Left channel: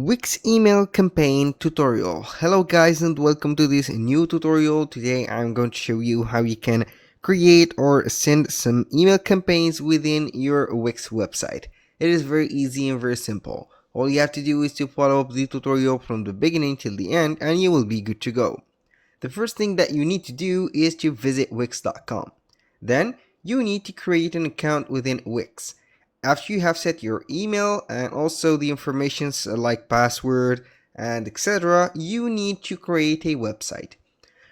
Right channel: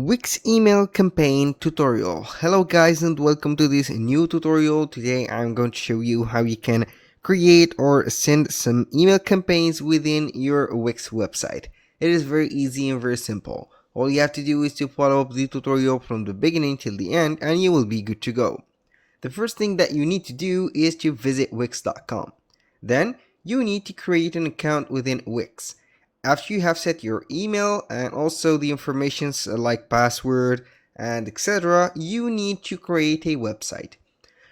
Wix email campaign tutorial. Hello guys and welcome to this new tutorial. Today I'm going to show you how you can create or send some email campaigns within your Wix website. It is very easy and very simple. All you have to do is to follow up the tutorial from the beginning till the end and you will be good to go. The first thing that you need to do is to visit wix.com. Then you need to create an account within Wix. After you have set your email and also the informations like password and etc., you need to create a website.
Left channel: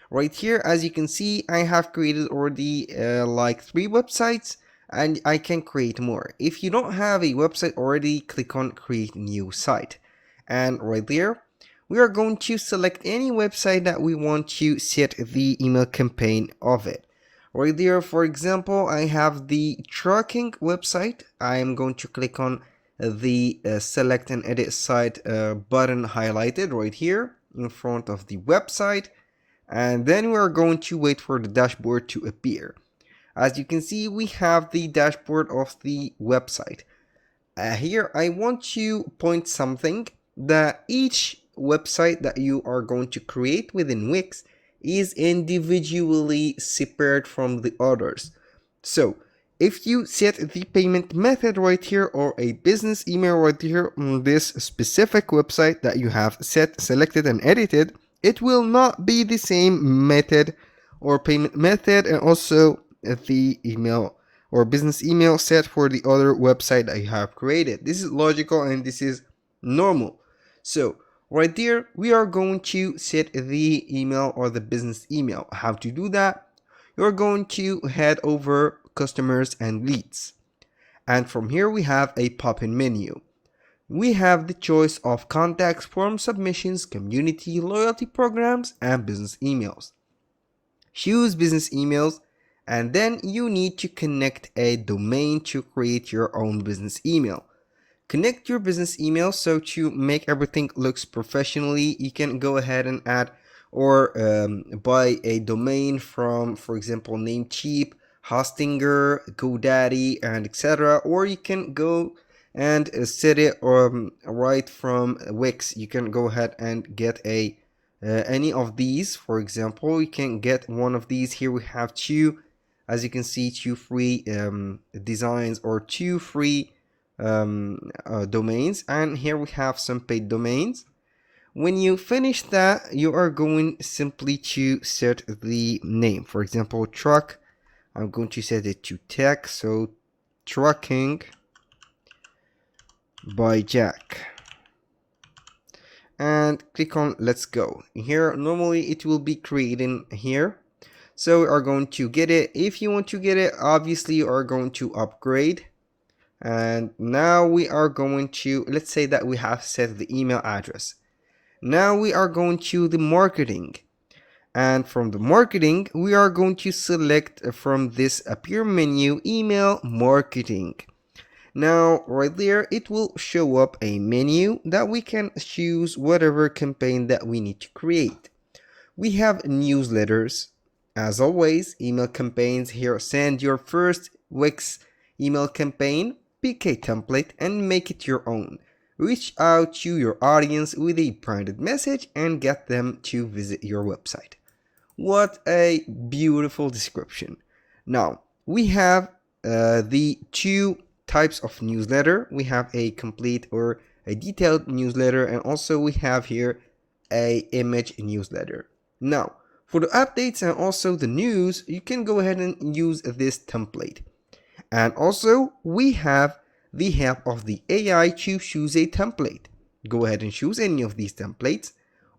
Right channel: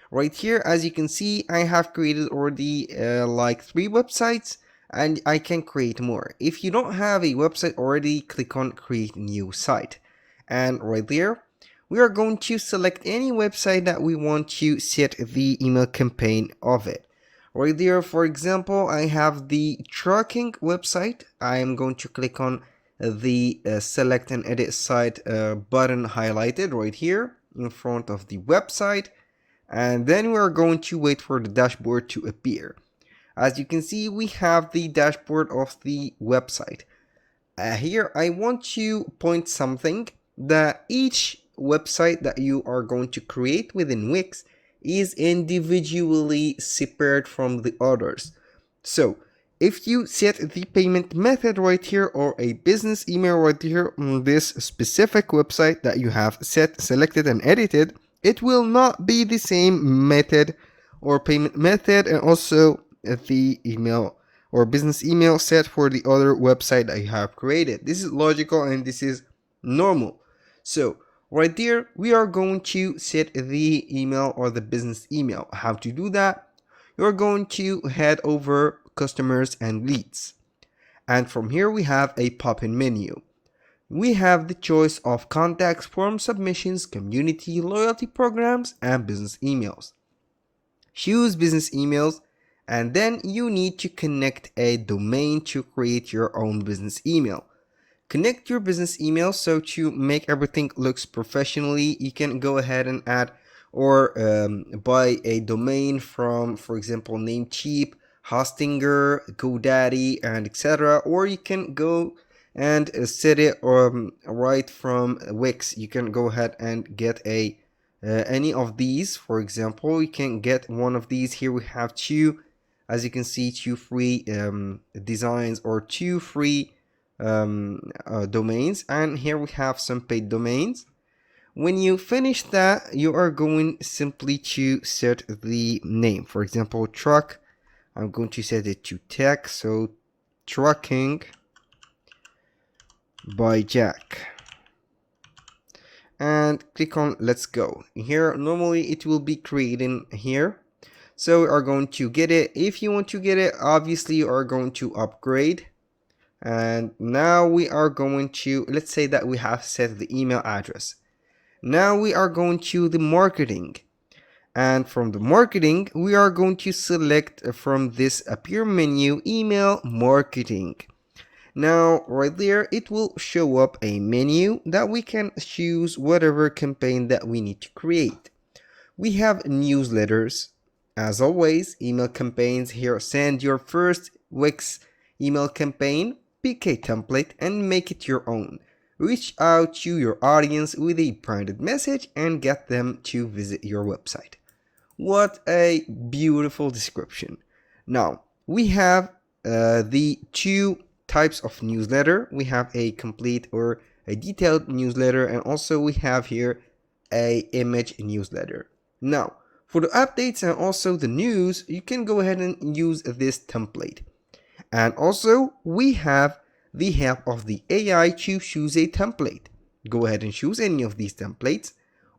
Right here, as you can see, I have created already like 3 websites and I can create more. If you don't have a website already, click on create new site. And right there, we are going to select any website that we want to set the email campaign of it. Right there, for example, I have the tracking website. I am going to click on the select and edit site button highlighted right here in front of the website, and then we are going to wait for the dashboard to appear. As you can see, we have the dashboard of the website. Here I want to point something that each website that you are going to create within Wix is individually separate from the others. So if you set the payment method right here or a business email right here on this specific website that you have selected and edited, it will not be the same method or payment method, and also the email or business email set for the other website that you have created. This is logical and this is normal. So right there, we are going to set the email or the business email. How to do that? You're going to head over customers and leads. And from here we have a pop-in menu. We have the choice of contacts, form submissions, community, loyalty programs, and business emails. Choose business emails, and then you need to connect a domain to create your own business email. Connect your business email, so to make everything looks professionally, you can go ahead and add or buy a domain from, for example, Namecheap, Hostinger, GoDaddy, and etc. Or you can go and set it right from Wix. You can go ahead and get a any of these. For example, you can get one of these. Here we have two, as you can see, two free designs or two free domains, and here we have some paid domains. When you finish that, you are going simply to set the name. For example, truck, I'm going to set it to tech, so trucking by Jack, and click on let's go. Here normally it will be creating here, so we are going to get it. If you want to get it, obviously you are going to upgrade. And now we are going to, let's say that we have set the email address. Now we are going to the marketing, and from the marketing we are going to select from this appear menu email marketing. Now right there it will show up a menu that we can choose whatever campaign that we need to create. We have newsletters, as always, email campaigns. Here, send your first Wix email campaign, pick a template and make it your own. Reach out to your audience with a branded message and get them to visit your website. What a beautiful description. Now, we have the two types of newsletter. We have a complete or a detailed newsletter, and also we have here a image newsletter. Now, for the updates and also the news, you can go ahead and use this template. And also, we have the help of the AI to choose a template. Go ahead and choose any of these templates,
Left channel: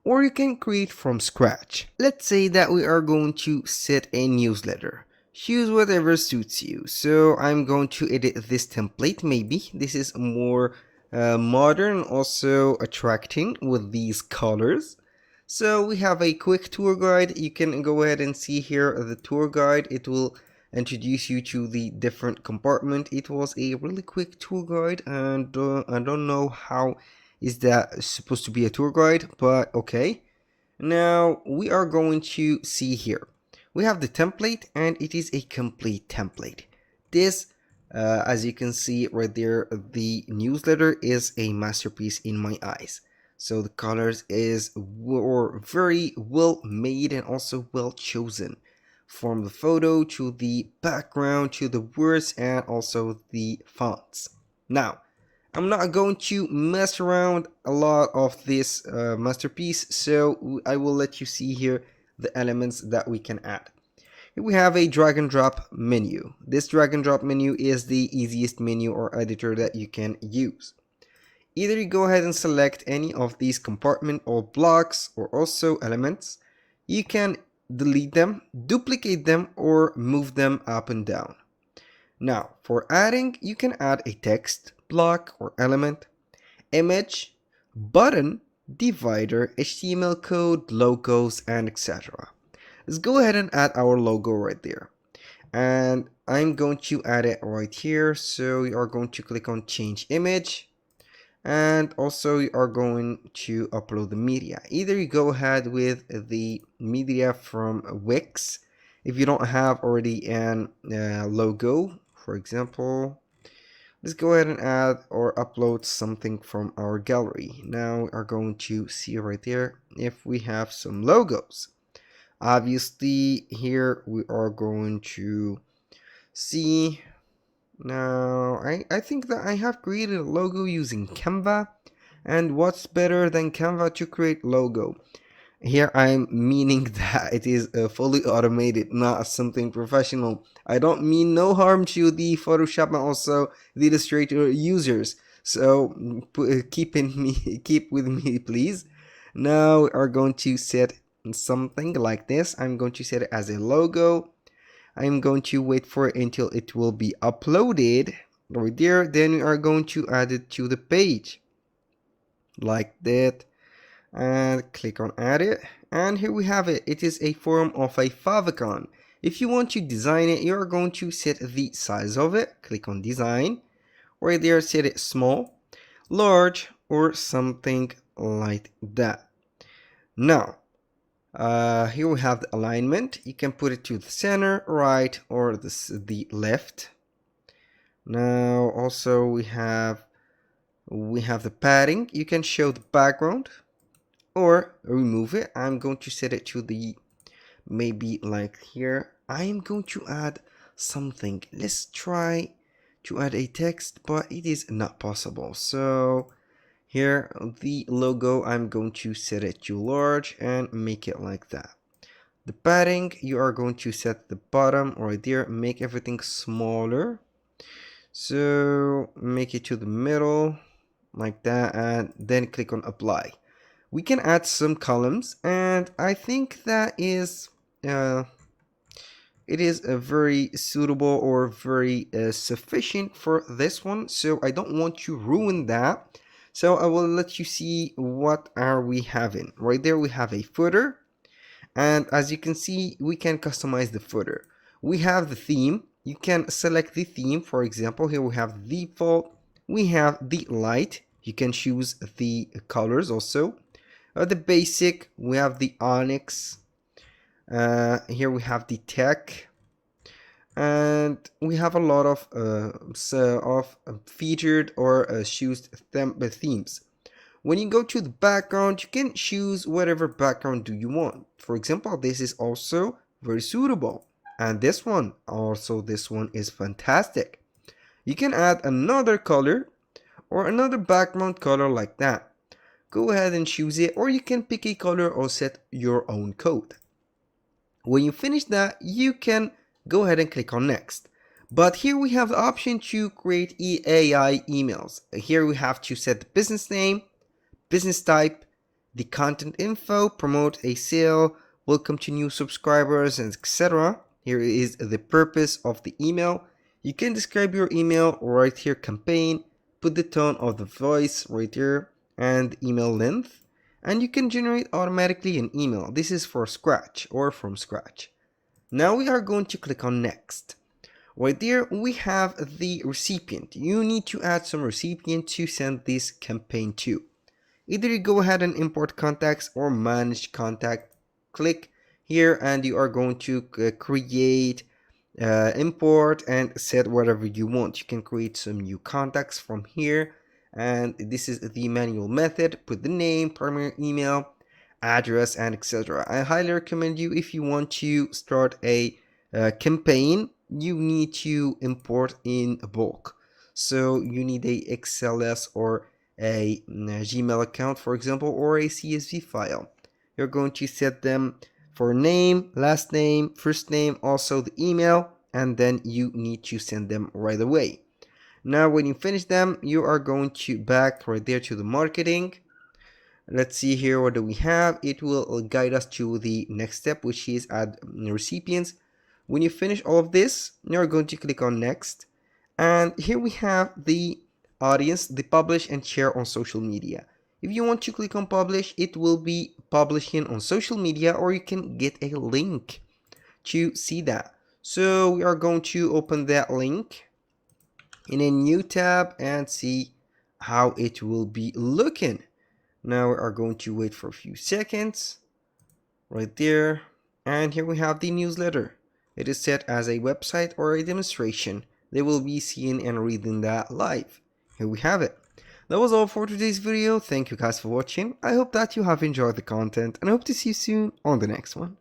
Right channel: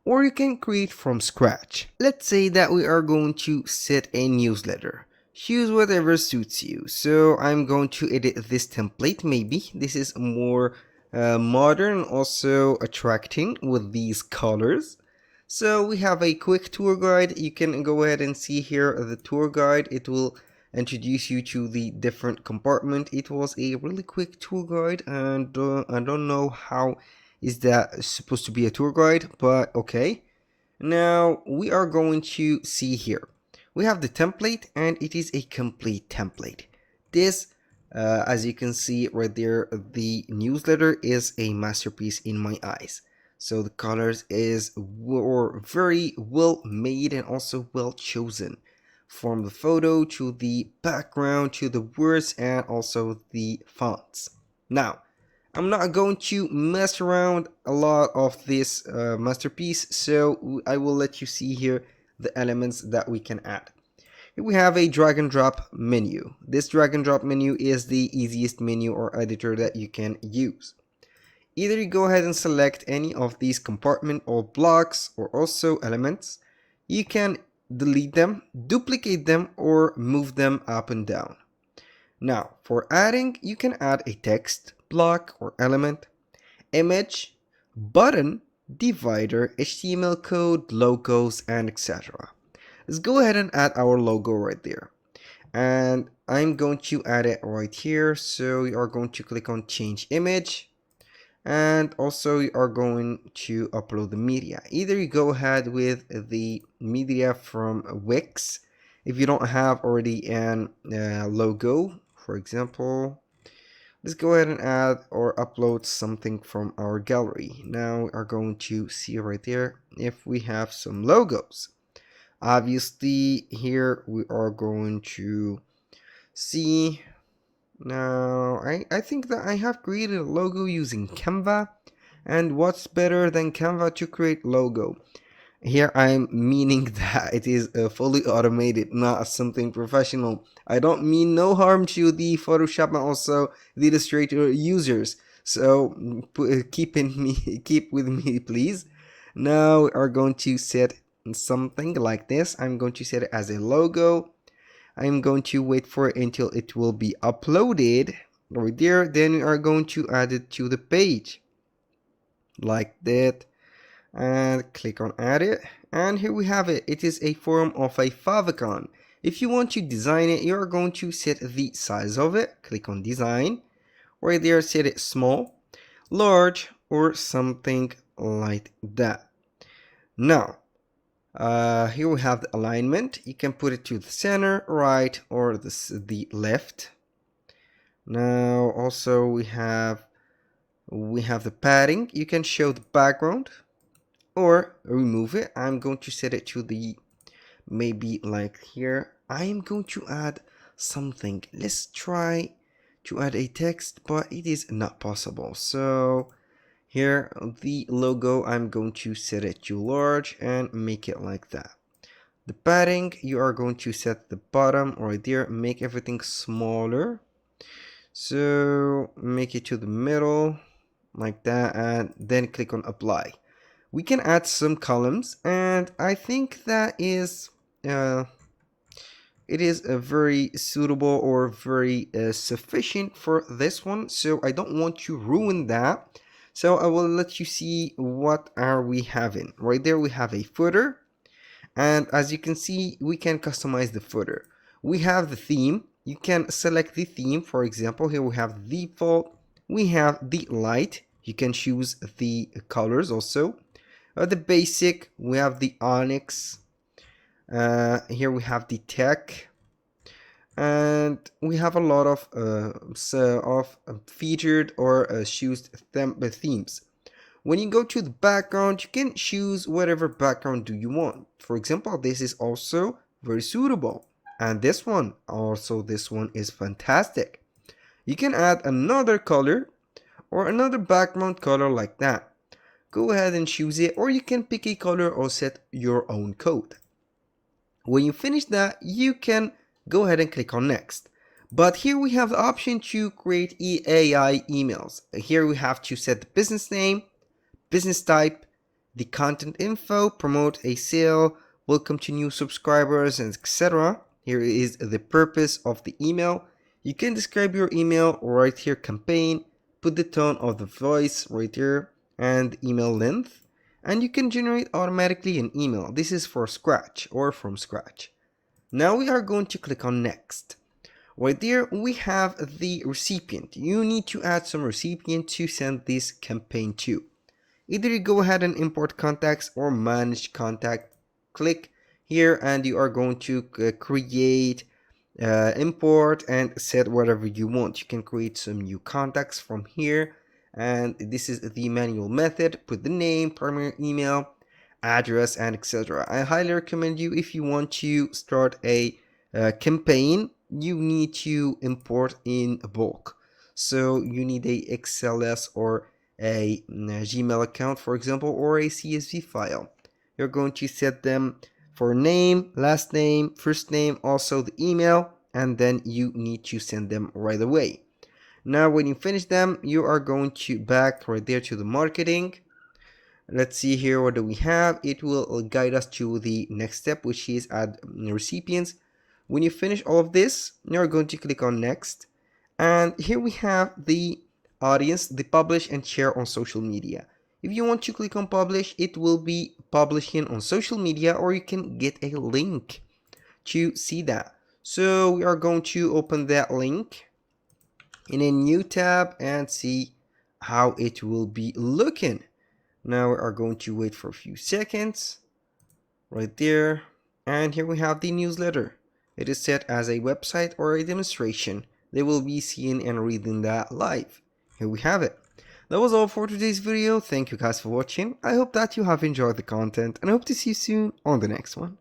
or you can create from scratch. Let's say that we are going to set a newsletter. Choose whatever suits you. So I'm going to edit this template. Maybe this is more modern, also attracting with these colors. So we have a quick tour guide. You can go ahead and see here the tour guide. It will introduce you to the different compartment. It was a really quick tour guide, and I don't know how is that supposed to be a tour guide, but okay. Now we are going to see here. We have the template, and it is a complete template. This, as you can see right there, the newsletter is a masterpiece in my eyes. So the colors were very well made and also well chosen, from the photo to the background to the words and also the fonts. Now, I'm not going to mess around a lot of this masterpiece, so I will let you see here the elements that we can add. Here we have a drag and drop menu. This drag and drop menu is the easiest menu or editor that you can use. Either you go ahead and select any of these compartment or blocks or also elements. You can delete them, duplicate them, or move them up and down. Now, for adding, you can add a text, block, or element, image, button, divider, HTML code, logos, and etc. Let's go ahead and add our logo right there. And I'm going to add it right here. So you are going to click on change image. And also you are going to upload the media. Either you go ahead with the media from Wix. If you don't have already an logo, for example, let's go ahead and add or upload something from our gallery. Now we are going to see right there if we have some logos. Obviously here we are going to see. Now I think that I have created a logo using Canva, and what's better than Canva to create logo? Here I'm meaning that it is fully automated, not something professional. I don't mean no harm to the Photoshop and also the Illustrator users. So keep with me, please. Now we are going to set something like this. I'm going to set it as a logo. I'm going to wait for it until it will be uploaded right there. Then we are going to add it to the page like that, and click on add it. And here we have it. It is a form of a favicon. If you want to design it, you are going to set the size of it. Click on design. Right there, set it small, large, or something like that. Now, here we have the alignment. You can put it to the center, right, or the left. Now, also we have the padding. You can show the background or remove it. I'm going to set it to the maybe like here. I am going to add something. Let's try to add a text, but it is not possible. So here the logo, I'm going to set it to large and make it like that. The padding, you are going to set the bottom right there, make everything smaller. So make it to the middle like that, and then click on apply. We can add some columns, and I think that is it is a very suitable or very sufficient for this one, so I don't want to ruin that. So I will let you see what are we having. Right there we have a footer, and as you can see, we can customize the footer. We have the theme. You can select the theme. For example, here we have the default. We have the light. You can choose the colors also. The basic, we have the onyx. Here we have the tech. And we have a lot of featured or choose themes. When you go to the background, you can choose whatever background do you want. For example, this is also very suitable. And this one is fantastic. You can add another color or another background color like that. Go ahead and choose it, or you can pick a color or set your own code. When you finish that, you can go ahead and click on next. But here we have the option to create AI emails. Here we have to set the business name, business type, the content info, promote a sale, welcome to new subscribers, and etc. Here is the purpose of the email. You can describe your email right here, campaign, put the tone of the voice right here, and email length. And you can generate automatically an email. This is for scratch or from scratch. Now we are going to click on next. Right there we have the recipient. You need to add some recipient to send this campaign to. Either you go ahead and import contacts or manage contact. Click here and you are going to create, import, and set whatever you want. You can create some new contacts from here, and this is the manual method. Put the name, primary email, address, and etc. I highly recommend you, if you want to start a campaign, you need to import in bulk. So you need a XLS or a Gmail account, for example, or a CSV file. You're going to set them for name, last name, first name, also the email, and then you need to send them right away. Now when you finish them, you are going to back right there to the marketing. Let's see here, what do we have? It will guide us to the next step, which is add recipients. When you finish all of this, you're going to click on next, and here we have the audience, the publish and share on social media. If you want to click on publish, it will be publishing on social media, or you can get a link to see that. So we are going to open that link in a new tab and see how it will be looking. Now we are going to wait for a few seconds right there, and here we have the newsletter. It is set as a website or a demonstration. They will be seeing and reading that live. Here we have it. That was all for today's video. Thank you guys for watching. I hope that you have enjoyed the content, and I hope to see you soon on the next one.